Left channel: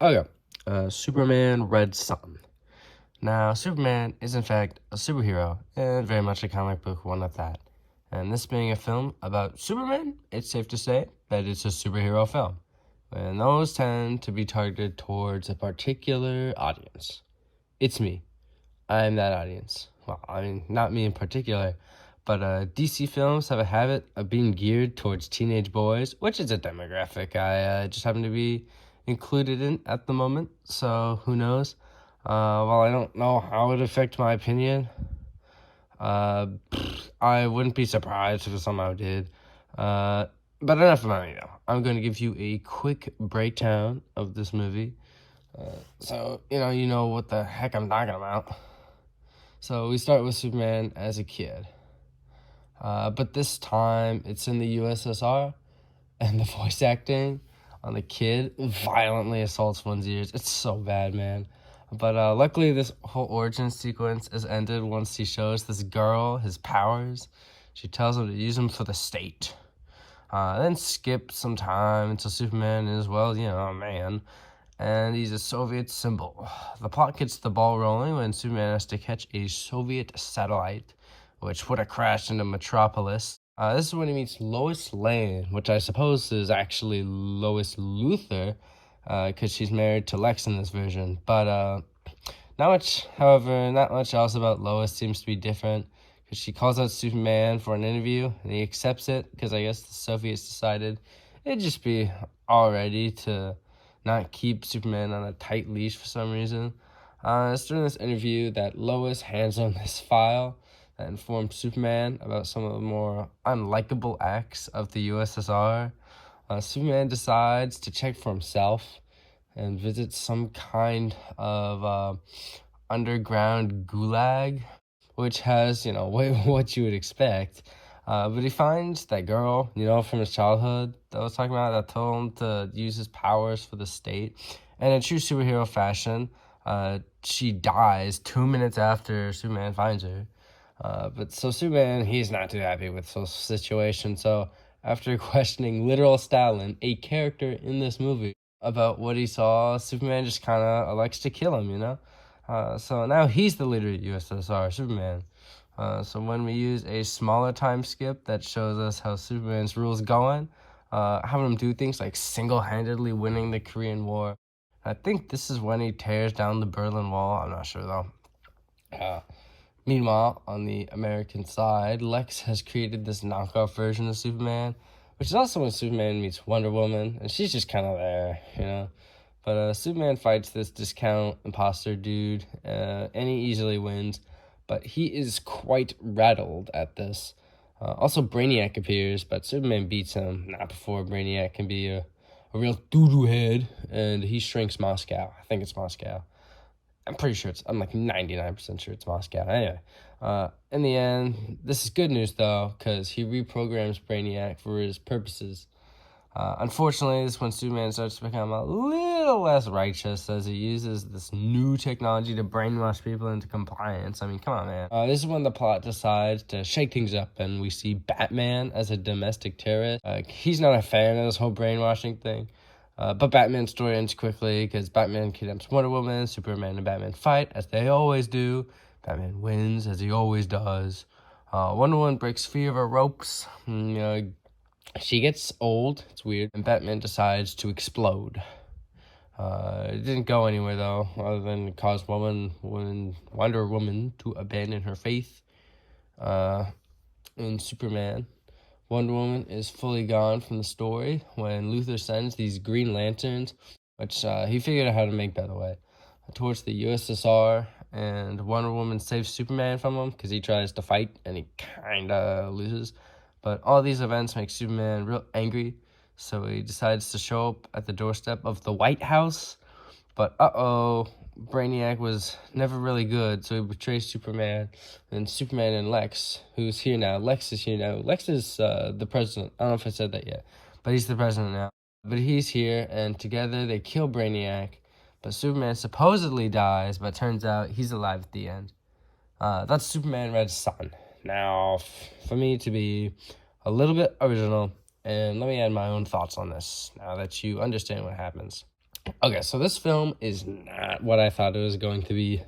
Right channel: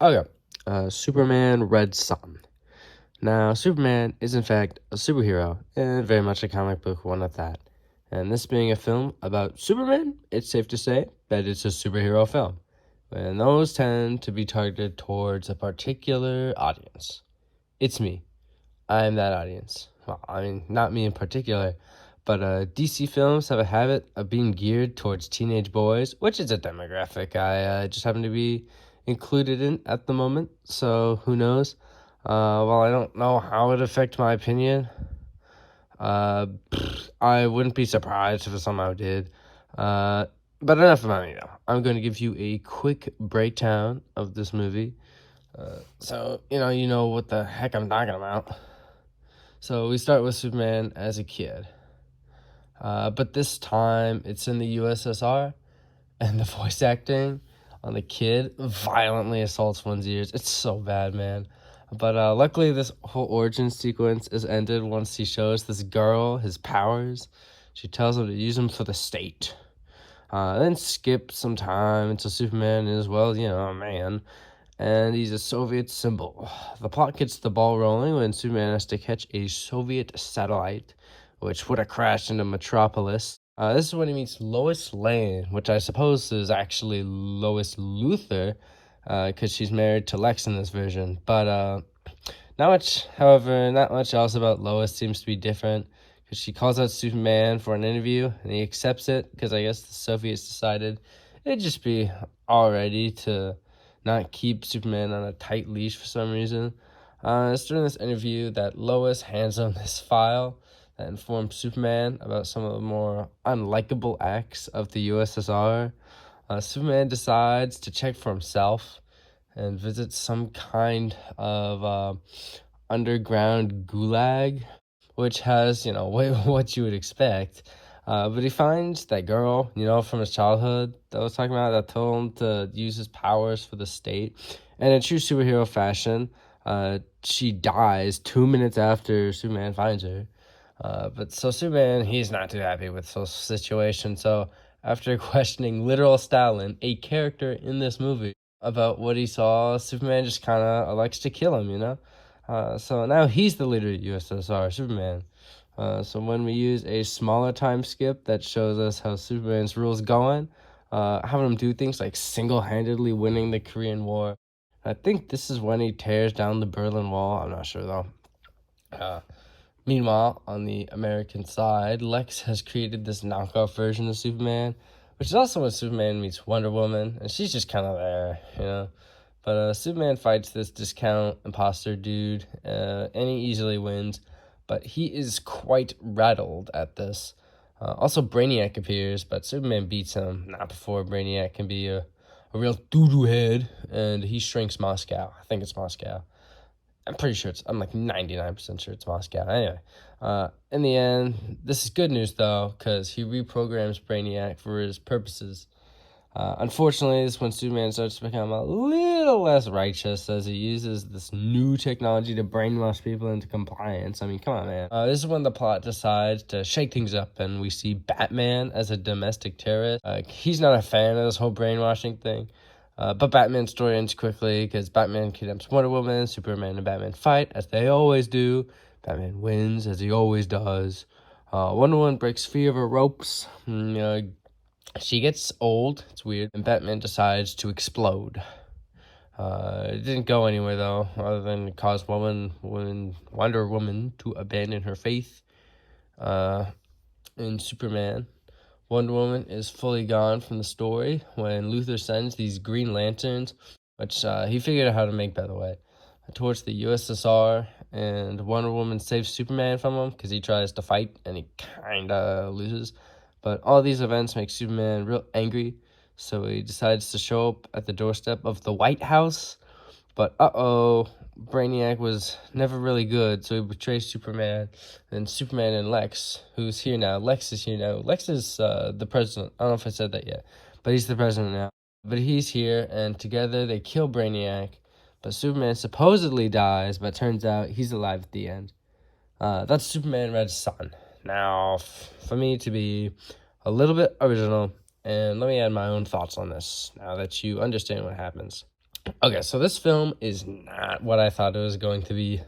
Okay, Superman Red Sun. Now, Superman is in fact a superhero, and very much a comic book one at that. And this being a film about Superman, it's safe to say that it's a superhero film. And those tend to be targeted towards a particular audience. It's me. I'm that audience. Well, I mean, not me in particular, but DC films have a habit of being geared towards teenage boys, which is a demographic I just happen to be included in at the moment. So who knows? Well, I don't know how it affect my opinion. I wouldn't be surprised if it somehow did. Uh, but enough about me though. I'm going to give you a quick breakdown of this movie. So you know what the heck I'm talking about. So we start with Superman as a kid. But this time it's in the USSR, and the voice acting on the kid violently assaults one's ears. It's so bad, man. But luckily, this whole origin sequence is ended once he shows this girl his powers. She tells him to use them for the state. Then skip some time until Superman is, well, a man. And he's a Soviet symbol. The plot gets the ball rolling when Superman has to catch a Soviet satellite, which would have crashed into Metropolis. This is when he meets Lois Lane, which I suppose is actually Lois Luthor, because she's married to Lex in this version. But not much else about Lois seems to be different, because she calls out Superman for an interview, and he accepts it, because I guess the Soviets decided it'd just be already to not keep Superman on a tight leash for some reason. It's during this interview that Lois hands him this file that informs Superman about some of the more unlikable acts of the USSR. Superman decides to check for himself and visit some kind of underground gulag, which has, what you would expect. But he finds that girl, from his childhood that I was talking about, that told him to use his powers for the state. And in true superhero fashion, she dies 2 minutes after Superman finds her. But so Superman, he's not too happy with the situation. So after questioning literal Stalin, a character in this movie, about what he saw, Superman just kind of elects to kill him. So now he's the leader of USSR, Superman. So when we use a smaller time skip that shows us how Superman's rules going, having him do things like single-handedly winning the Korean War. I think this is when he tears down the Berlin Wall. I'm not sure though. Meanwhile, on the American side, Lex has created this knockoff version of Superman, which is also when Superman meets Wonder Woman, and she's just kind of there. But Superman fights this discount imposter dude, and he easily wins, but he is quite rattled at this. Also, Brainiac appears, but Superman beats him, not before Brainiac can be a real doo-doo head, and he shrinks Moscow. I think it's Moscow. I'm pretty sure I'm like 99% sure it's Moscow. Anyway, in the end, this is good news though, because he reprograms Brainiac for his purposes. Unfortunately, this is when Superman starts to become a little less righteous as he uses this new technology to brainwash people into compliance. I mean, come on, man. This is when the plot decides to shake things up, and we see Batman as a domestic terrorist. He's not a fan of this whole brainwashing thing. But Batman's story ends quickly because Batman kidnaps Wonder Woman, Superman and Batman fight, as they always do. Batman wins, as he always does. Wonder Woman breaks free of her ropes. She gets old, it's weird, and Batman decides to explode. It didn't go anywhere, though, other than cause Wonder Woman to abandon her faith in Superman. Wonder Woman is fully gone from the story when Luthor sends these Green Lanterns, which he figured out how to make, by the way, towards the USSR, and Wonder Woman saves Superman from him because he tries to fight and he kind of loses. But all these events make Superman real angry, so he decides to show up at the doorstep of the White House. But Brainiac was never really good, so he betrays Superman. And Superman and Lex, who's here now. Lex is here now. Lex is the president. I don't know if I said that yet, but he's the president now. But he's here, and together they kill Brainiac. But Superman supposedly dies, but turns out he's alive at the end. That's Superman Red Sun. Now, for me to be a little bit original, and let me add my own thoughts on this, now that you understand what happens. Okay, so this film is not what I thought it was going to be.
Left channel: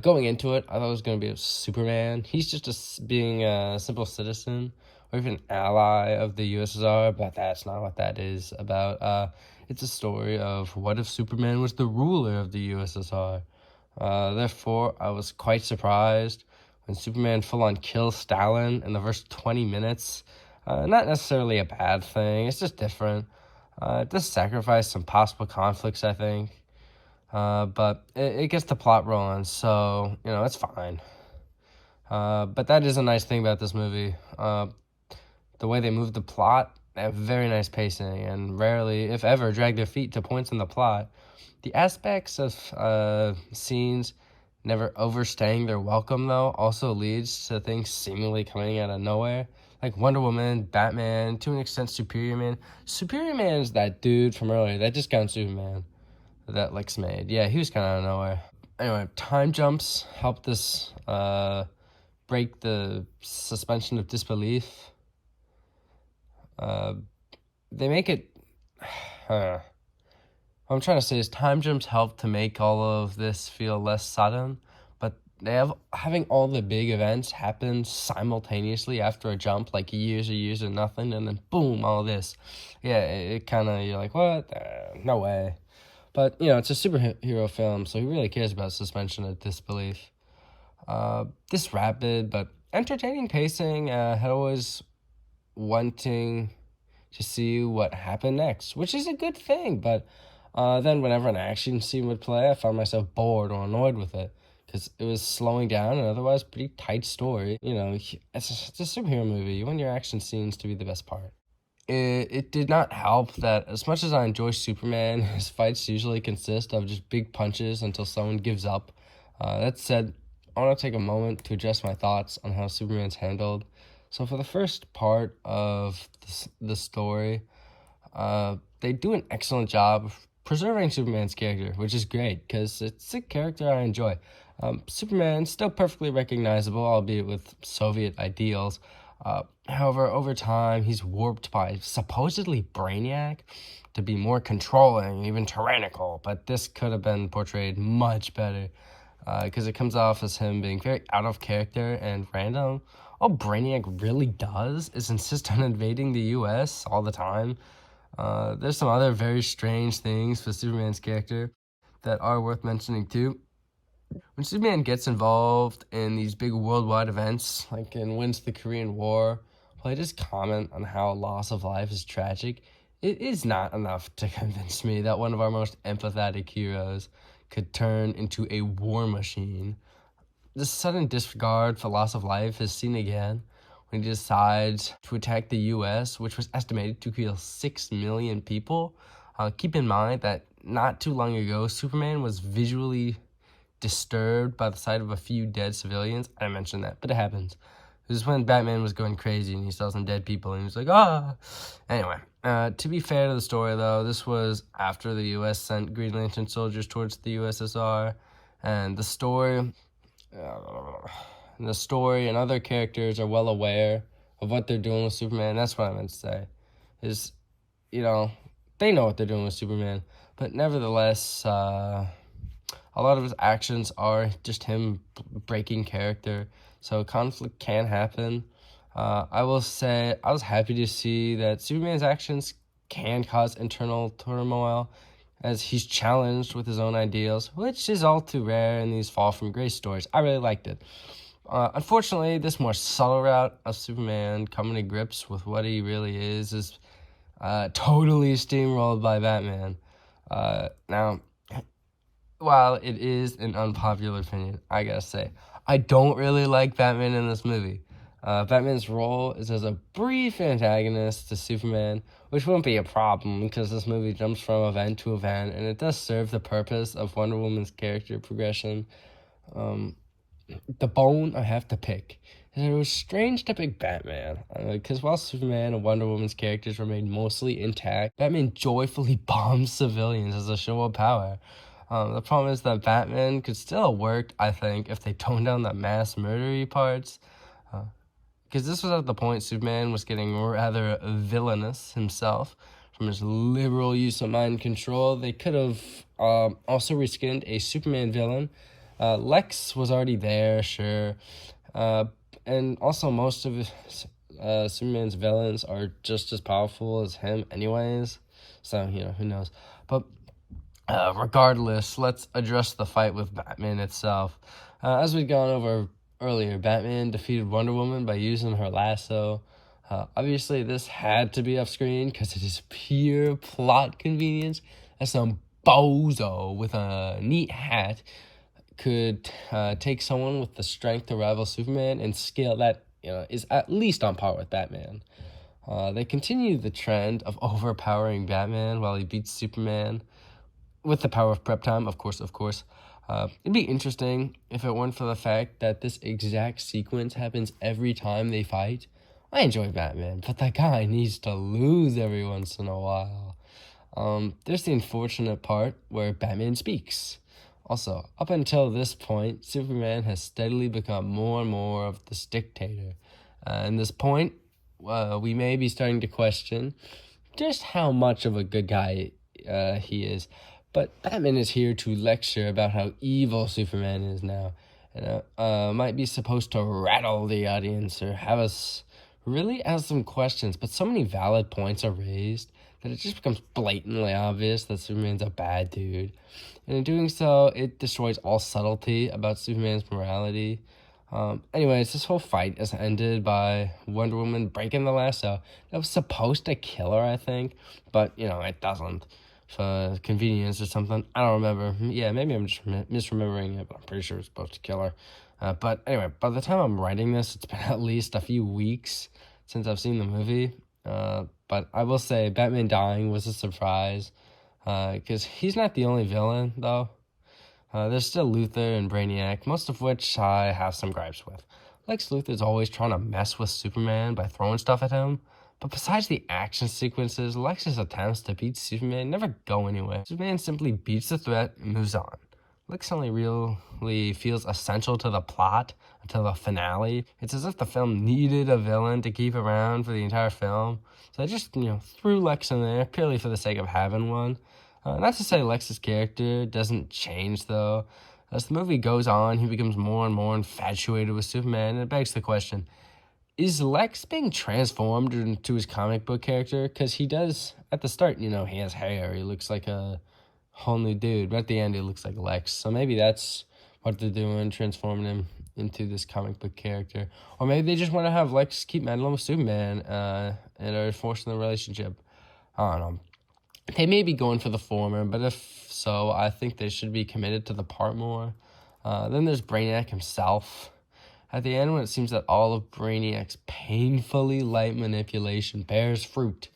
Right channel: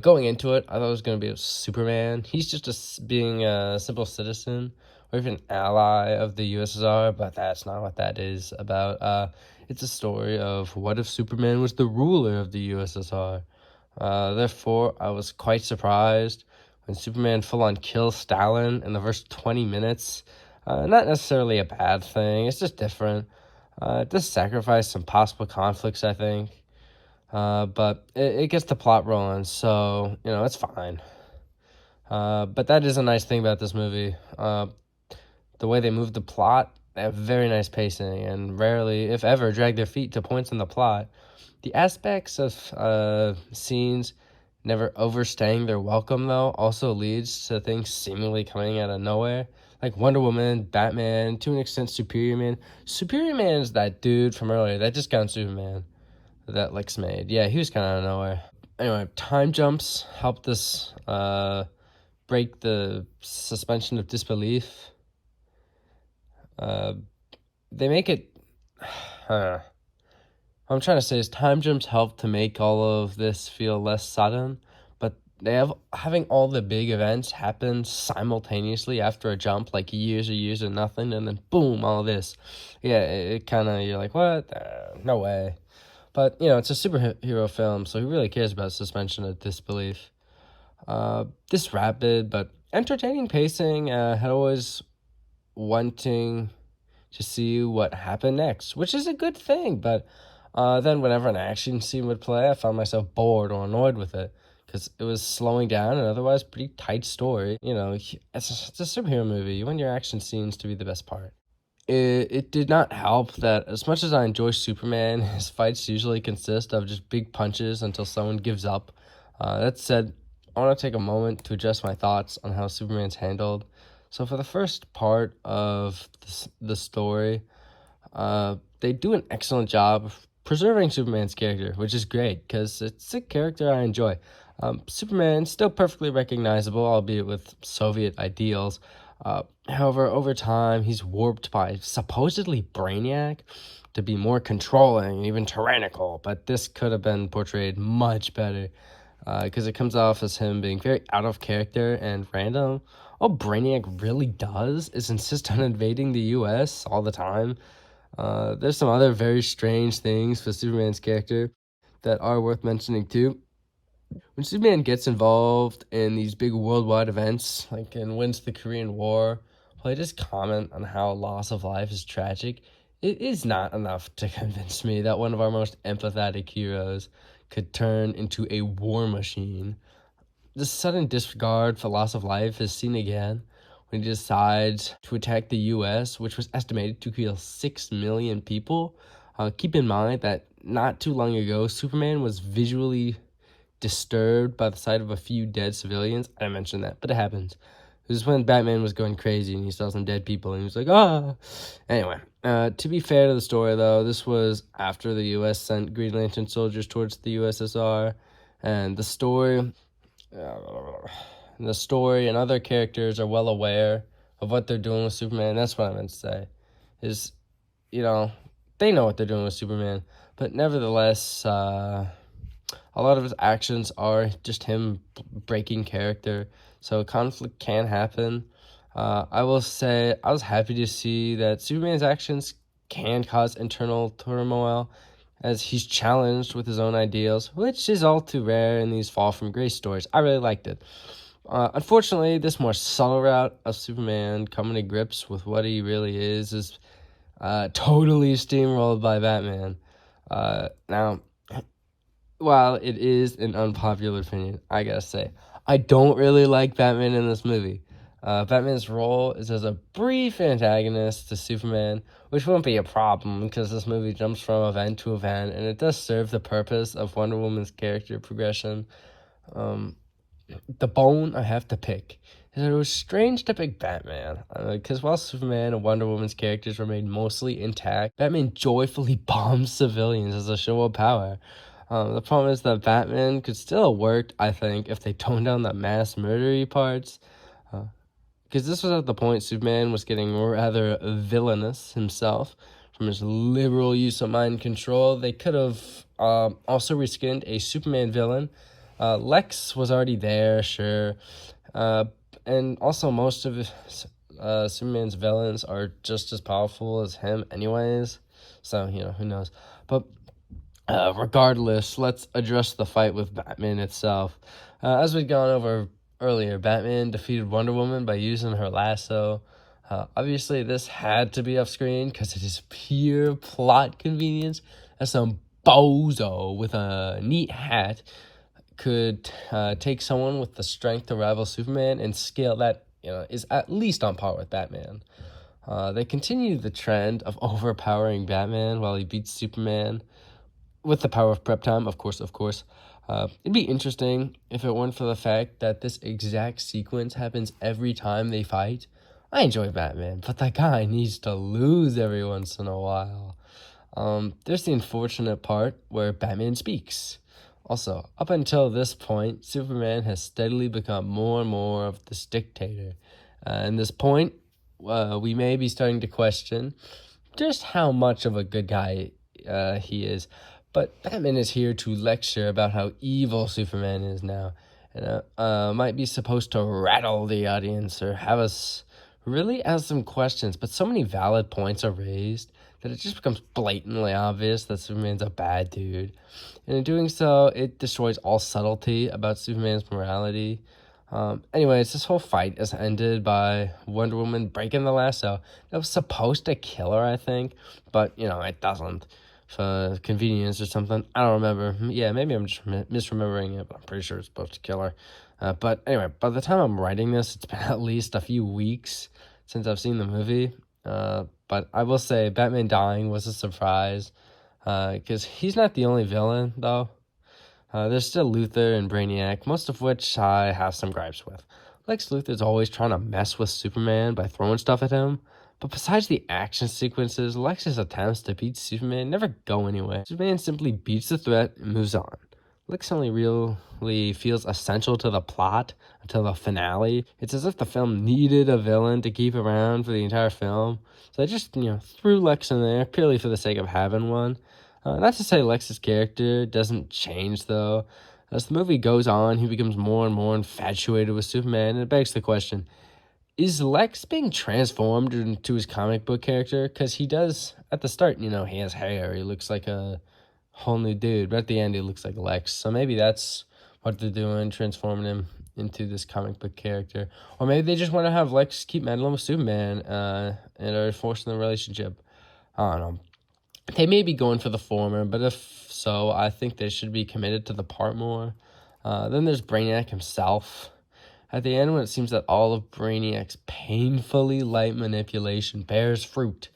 Going into it, I thought it was going to be a Superman. He's just being a simple citizen or even ally of the USSR, but that's not what that is about. It's a story of what if Superman was the ruler of the USSR. Therefore, I was quite surprised when Superman full on kills Stalin in the first 20 minutes. Not necessarily a bad thing, it's just different. It does sacrifice some possible conflicts, I think. But it gets the plot rolling, so, it's fine. But that is a nice thing about this movie. The way they move the plot, they have very nice pacing and rarely, if ever, drag their feet to points in the plot. The aspects of scenes never overstaying their welcome, though, also leads to things seemingly coming out of nowhere. Like Wonder Woman, Batman, to an extent, Superior Man. Superior Man is that dude from earlier that just got Superman that Lex made. Yeah, he was kind of out of nowhere. Anyway, time jumps help this break the suspension of disbelief. They make it. What I'm trying to say is time jumps help to make all of this feel less sudden, but they have having all the big events happen simultaneously after a jump, like years of nothing, and then boom, all this. Yeah, it kind of, you're like, what? No way. But, it's a superhero film, so who really cares about suspension of disbelief? This rapid but entertaining pacing had always wanting to see what happened next, which is a good thing. But then whenever an action scene would play, I found myself bored or annoyed with it because it was slowing down an otherwise pretty tight story. It's a superhero movie. You want your action scenes to be the best part. It did not help that as much as I enjoy Superman, his fights usually consist of just big punches until someone gives up. That said, I want to take a moment to address my thoughts on how Superman's handled. So for the first part of the story, they do an excellent job of preserving Superman's character, which is great because it's a character I enjoy. Superman still perfectly recognizable, albeit with Soviet ideals. However, over time, he's warped by supposedly Brainiac to be more controlling, even tyrannical. But this could have been portrayed much better because it comes off as him being very out of character and random. All Brainiac really does is insist on invading the US all the time. There's some other very strange things for Superman's character that are worth mentioning too. When Superman gets involved in these big worldwide events, like and wins the Korean War, while I just comment on how loss of life is tragic, it is not enough to convince me that one of our most empathetic heroes could turn into a war machine. This sudden disregard for loss of life is seen again when he decides to attack the US, which was estimated to kill 6 million people. Keep in mind that not too long ago, Superman was visually disturbed by the sight of a few dead civilians. I mentioned that, but it happens. This is when Batman was going crazy and he saw some dead people and he was like, ah. Anyway, to be fair to the story, though, this was after the US sent Green Lantern soldiers towards the USSR, and the story and other characters are well aware of what they're doing with Superman. That's what I meant to say. Is, you know, they know what they're doing with Superman, but nevertheless, a lot of his actions are just him breaking character, so conflict can happen. I will say I was happy to see that Superman's actions can cause internal turmoil as he's challenged with his own ideals, which is all too rare in these Fall from Grace stories. I really liked it. Unfortunately, this more subtle route of Superman coming to grips with what he really is totally steamrolled by Batman. Now, while it is an unpopular opinion, I gotta say, I don't really like Batman in this movie. Batman's role is as a brief antagonist to Superman, which won't be a problem because this movie jumps from event to event, and it does serve the purpose of Wonder Woman's character progression. The bone I have to pick is that it was strange to pick Batman, because while Superman and Wonder Woman's characters remain mostly intact, Batman joyfully bombs civilians as a show of power. The problem is that Batman could still have worked, I think, if they toned down the mass murdery parts. Because this was at the point Superman was getting rather villainous himself, from his liberal use of mind control. They could have also reskinned a Superman villain. Lex was already there, sure. And also most of Superman's villains are just as powerful as him anyways. So, who knows. But regardless, let's address the fight with Batman itself. As we'd gone over earlier, Batman defeated Wonder Woman by using her lasso. Obviously, this had to be off screen because it is pure plot convenience. As some bozo with a neat hat could take someone with the strength to rival Superman and scale that is at least on par with Batman. They continue the trend of overpowering Batman while he beats Superman with the power of prep time, of course. It'd be interesting if it weren't for the fact that this exact sequence happens every time they fight. I enjoy Batman, but that guy needs to lose every once in a while. There's the unfortunate part where Batman speaks. Also, up until this point, Superman has steadily become more and more of this dictator. And this point, we may be starting to question just how much of a good guy he is. But Batman is here to lecture about how evil Superman is now. And might be supposed to rattle the audience or have us really ask some questions. But so many valid points are raised that it just becomes blatantly obvious that Superman's a bad dude. And in doing so, it destroys all subtlety about Superman's morality. Anyways, this whole fight is ended by Wonder Woman breaking the lasso. That was supposed to kill her, I think, but, it doesn't. For convenience or something. I don't remember. Yeah, maybe I'm just misremembering it, but I'm pretty sure it's supposed to kill her. But anyway, by the time I'm writing this, it's been at least a few weeks since I've seen the movie. But I will say Batman dying was a surprise. Because he's not the only villain, though. There's still Luthor and Brainiac, most of which I have some gripes with. Lex Luthor's always trying to mess with Superman by throwing stuff at him. But besides the action sequences, Lex's attempts to beat Superman never go anywhere. Superman simply beats the threat and moves on. Lex only really feels essential to the plot until the finale. It's as if the film needed a villain to keep around for the entire film. So I just, threw Lex in there purely for the sake of having one. Not to say Lex's character doesn't change, though. As the movie goes on, he becomes more and more infatuated with Superman, and it begs the question, is Lex being transformed into his comic book character? Because he does, at the start, he has hair. He looks like a whole new dude. But at the end, he looks like Lex. So maybe that's what they're doing, transforming him into this comic book character. Or maybe they just want to have Lex keep meddling with Superman and are forcing the relationship. I don't know. They may be going for the former, but if so, I think they should be committed to the part more. Then there's Brainiac himself. At the end, when it seems that all of Brainiac's painfully light manipulation bears fruit,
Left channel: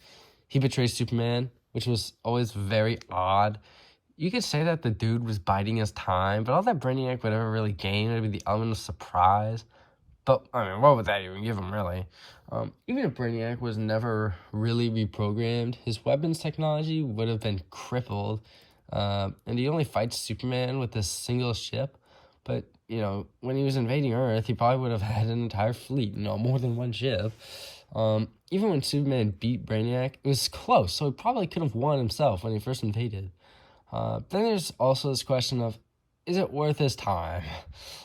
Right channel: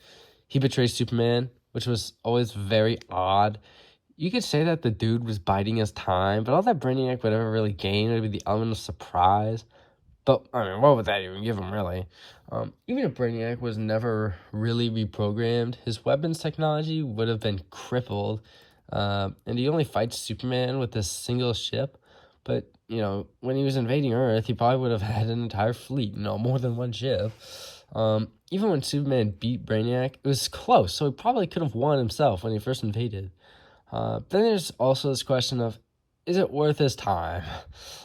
he betrays Superman, which was always very odd. You could say that the dude was biding his time, but all that Brainiac would ever really gain would be the element of surprise. But, what would that even give him, really? Even if Brainiac was never really reprogrammed, his weapons technology would have been crippled, and he only fights Superman with this single ship. But, when he was invading Earth, he probably would have had an entire fleet, more than one ship. Even when Superman beat Brainiac, it was close, so he probably could have won himself when he first invaded. Then there's also this question of, is it worth his time?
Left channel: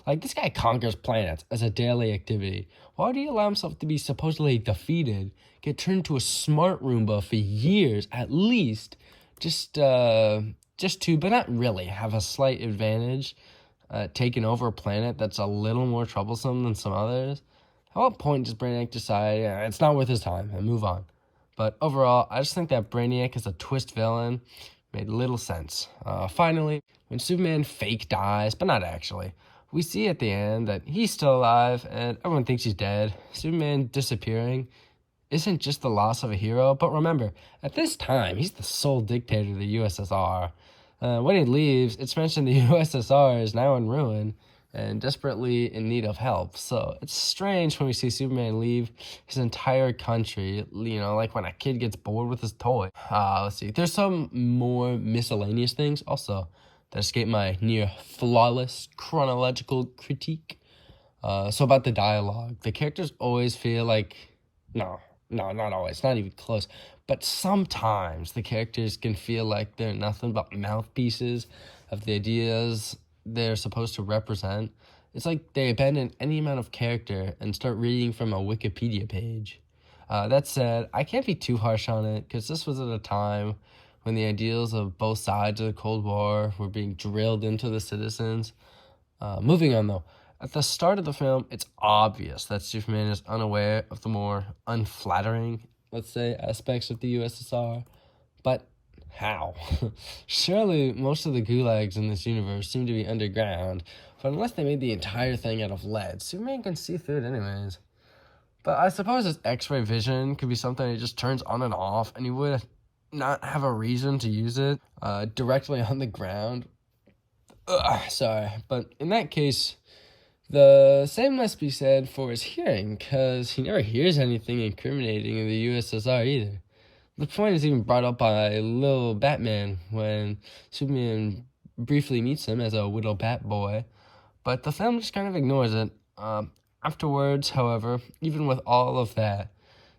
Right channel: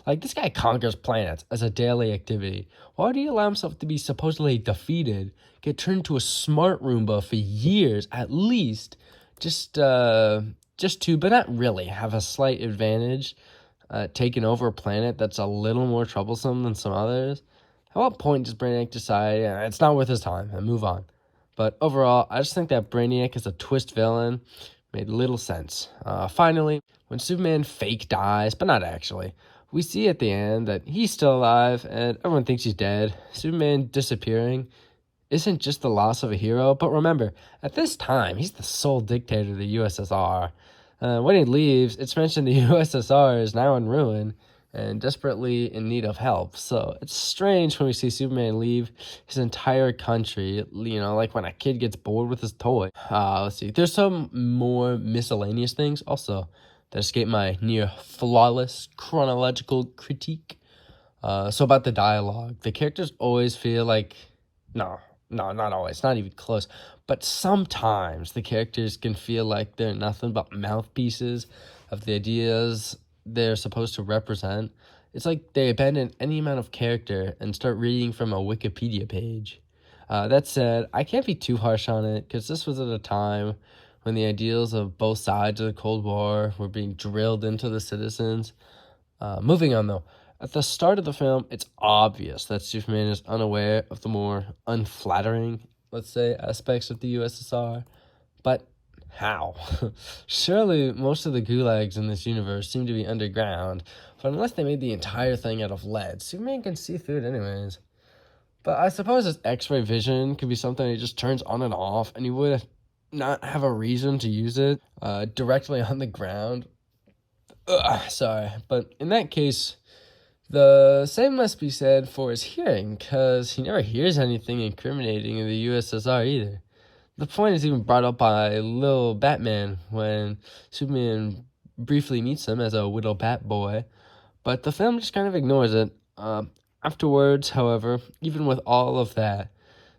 Like, this guy conquers planets as a daily activity. Why would he allow himself to be supposedly defeated, get turned into a smart Roomba for years at least, just to, but not really, have a slight advantage, taking over a planet that's a little more troublesome than some others? At what point does Brainiac decide it's not worth his time and move on? But overall, I just think that Brainiac is a twist villain. Made little sense. Finally, when Superman fake dies, but not actually, we see at the end that he's still alive and everyone thinks he's dead. Superman disappearing isn't just the loss of a hero, but remember, at this time, he's the sole dictator of the USSR. When he leaves, it's mentioned the USSR is now in ruin and desperately in need of help. So it's strange when we see Superman leave his entire country, like when a kid gets bored with his toy. Let's see. There's some more miscellaneous things also that escape my near flawless chronological critique. So about the dialogue, the characters always feel like, no, No, not always, not even close. But sometimes the characters can feel like they're nothing but mouthpieces of the ideas they're supposed to represent. It's like they abandon any amount of character and start reading from a Wikipedia page. That said, I can't be too harsh on it because this was at a time when the ideals of both sides of the Cold War were being drilled into the citizens. Moving on, though. At the start of the film, it's obvious that Superman is unaware of the more unflattering, let's say, aspects of the USSR. But how? Surely most of the gulags in this universe seem to be underground, but unless they made the entire thing out of lead, Superman can see through it anyways. But I suppose his X-ray vision could be something he just turns on and off, and he would not have a reason to use it directly on the ground. Sorry, but in that case, the same must be said for his hearing, because he never hears anything incriminating in the USSR either. The point is even brought up by Lil Batman when Superman briefly meets him as a little bat boy, but the film just kind of ignores it. Afterwards, however, even with all of that,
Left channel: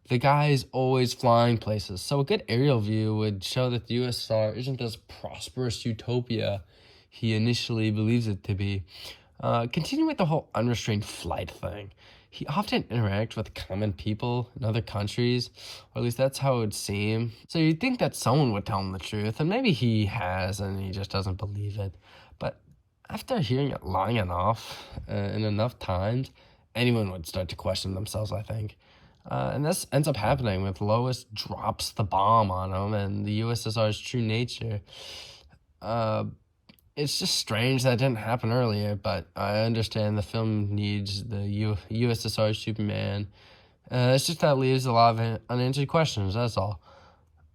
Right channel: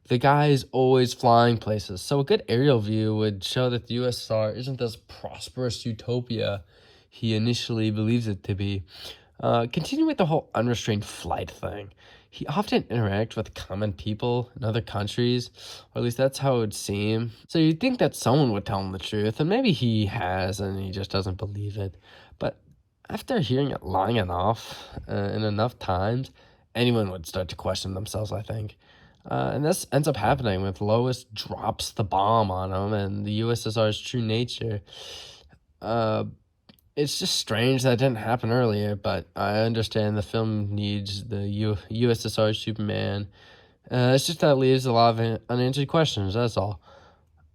the guy is always flying places, so a good aerial view would show that the USSR isn't this prosperous utopia he initially believes it to be. Continuing with the whole unrestrained flight thing, he often interacts with common people in other countries, or at least that's how it would seem. So you'd think that someone would tell him the truth, and maybe he has, and he just doesn't believe it. But after hearing it long enough, and enough times, anyone would start to question themselves, I think. And this ends up happening with Lois drops the bomb on him and the USSR's true nature. It's just strange that didn't happen earlier, but I understand the film needs the USSR Superman. It's just that it leaves a lot of unanswered questions, that's all.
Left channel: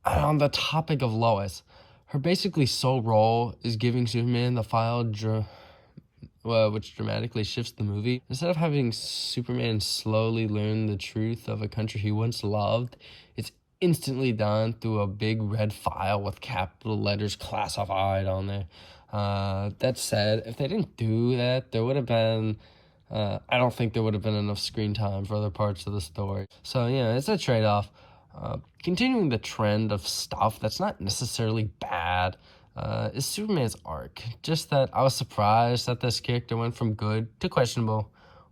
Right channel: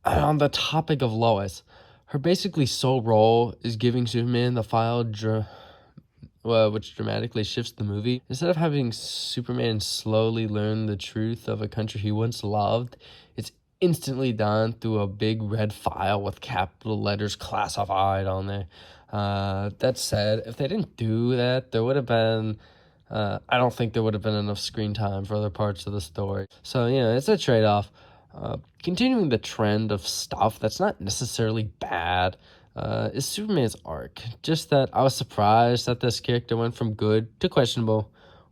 On the topic of Lois, her basically sole role is giving Superman the file which dramatically shifts the movie. Instead of having Superman slowly learn the truth of a country he once loved, it's instantly done through a big red file with capital letters classified on there. That said, if they didn't do that, there would have been, I don't think there would have been enough screen time for other parts of the story. So, it's a trade-off. Continuing the trend of stuff that's not necessarily bad is Superman's arc. Just that I was surprised that this character went from good to questionable,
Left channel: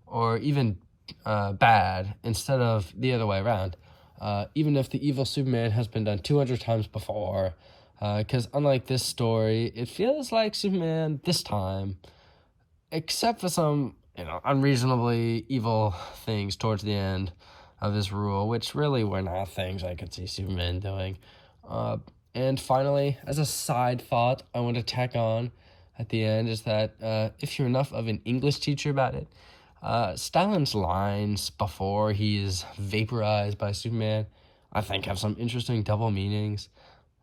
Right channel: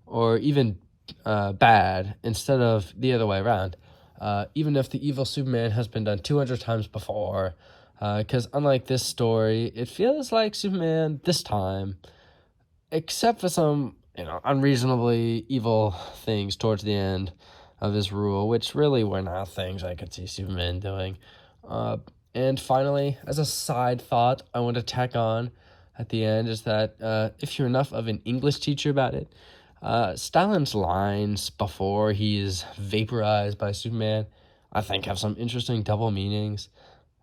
or even bad, instead of the other way around. Even if the evil Superman has been done 200 times before, because unlike this story, it feels like Superman this time, except for some, unreasonably evil things towards the end of his rule, which really were not things I could see Superman doing. And finally, as a side thought, I want to tack on at the end is that if you're enough of an English teacher about it, Stalin's lines before he is vaporized by Superman, I think have some interesting double meanings.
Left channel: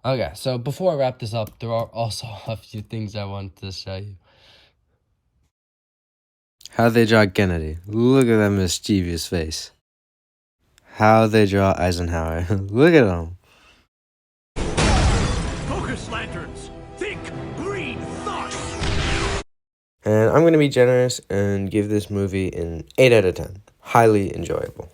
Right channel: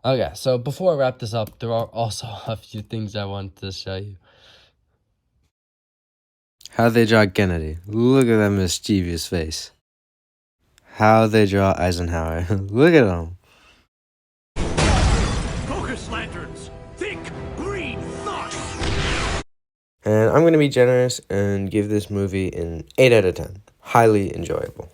Okay, so before I wrap this up, there are also a few things I want to show you. How they draw Kennedy. Look at that mischievous face. How they draw Eisenhower. Look at him. Focus lanterns! Think green thought! And I'm going to be generous and give this movie an 8 out of 10. Highly enjoyable.